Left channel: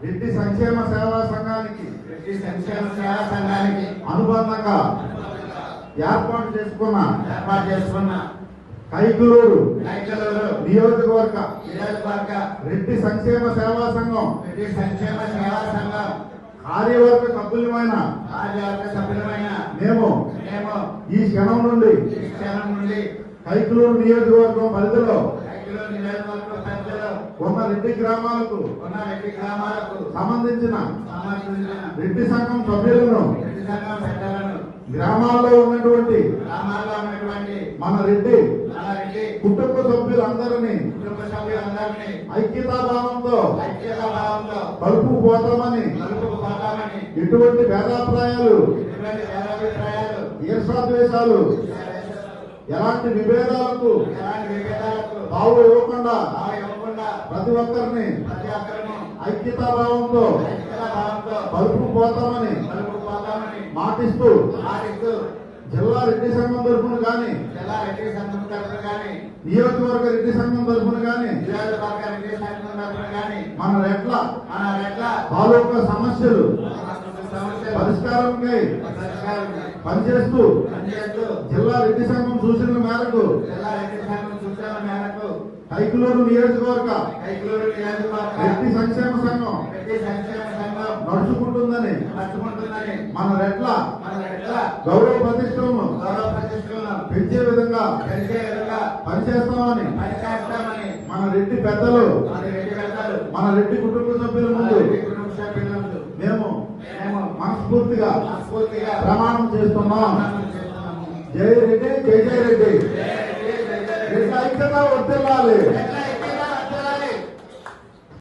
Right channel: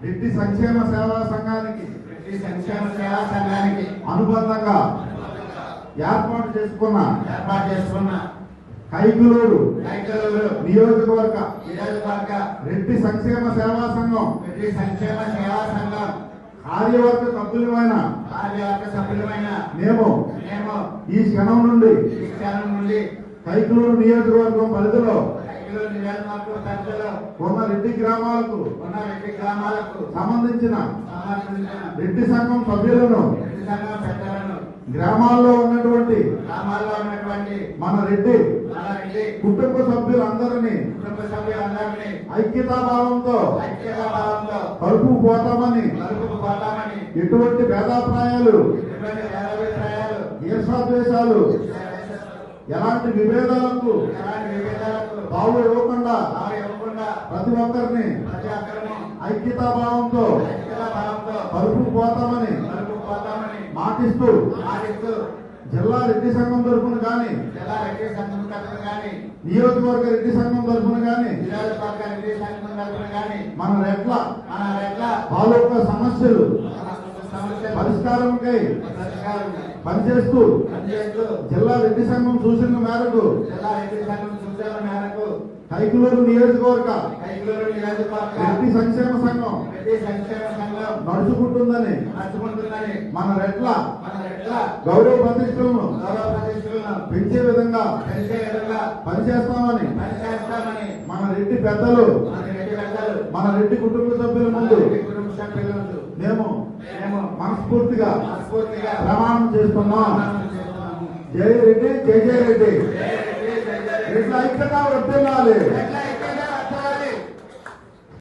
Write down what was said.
రెడ్డి సంక్షేమ సేవా సంఘానికి అనుబంధంగా ఏర్పాటు చేసుకున్న కైకలూరు నియోజకవర్గ రెడ్డి సంక్షేమ సేవా సంఘం కార్యవర్గ సభ్యులమైన మేము ఈ క్షణం నుండి కైకలూరు నియోజకవర్గం పరిధిలో ఉన్న రెడ్డి గ్రామాలకు సంబంధించిన రెడ్డి సంఘం సభ్యులను గ్రామాల్లో ఉన్నటువంటి మన రెడ్డి కుటుంబ సభ్యులందరినీ ఐక్యతాభావంతో కలుపుకుపోతామని ఎటువంటి భేదాభిప్రాయాలు ఈర్షాద్వేషాలు ఎలాంటి విభేదాలకు తావు ఇవ్వకుండా ప్రతి ఒక్కరిని ఐక్యతాభావంతో కలుపుకుపోతామని మాటిస్తూ జిల్లా రెడ్డి సంఘం తరఫున కానీ నియోజకవర్గ రెడ్డి సంఘం తరఫున కానీ మన రెడ్ల తాలూకా సమస్యలు పరిష్కారంకై పనిచేస్తూ జిల్లా రెడ్డి సంఘం సూచనల మేరకు కైకలూరు నియోజకవర్గ రెడ్డి సంక్షేమ సంఘం నడుచుకుంటుందని మన రెడ్ల గౌరవ ప్రతిష్టలను పెంచే విధంగా పనిచేస్తామని మన రెడ్డి పెద్దలు మన రెడ్డి కుటుంబ సభ్యుల ముందు మేము మనస్ఫూర్తిగా ప్రమాణం చేస్తున్నాం. జై రెడ్డి, జై జై రెడ్డి. రెడ్డి ఐక్యత వర్ధిల్లాలి.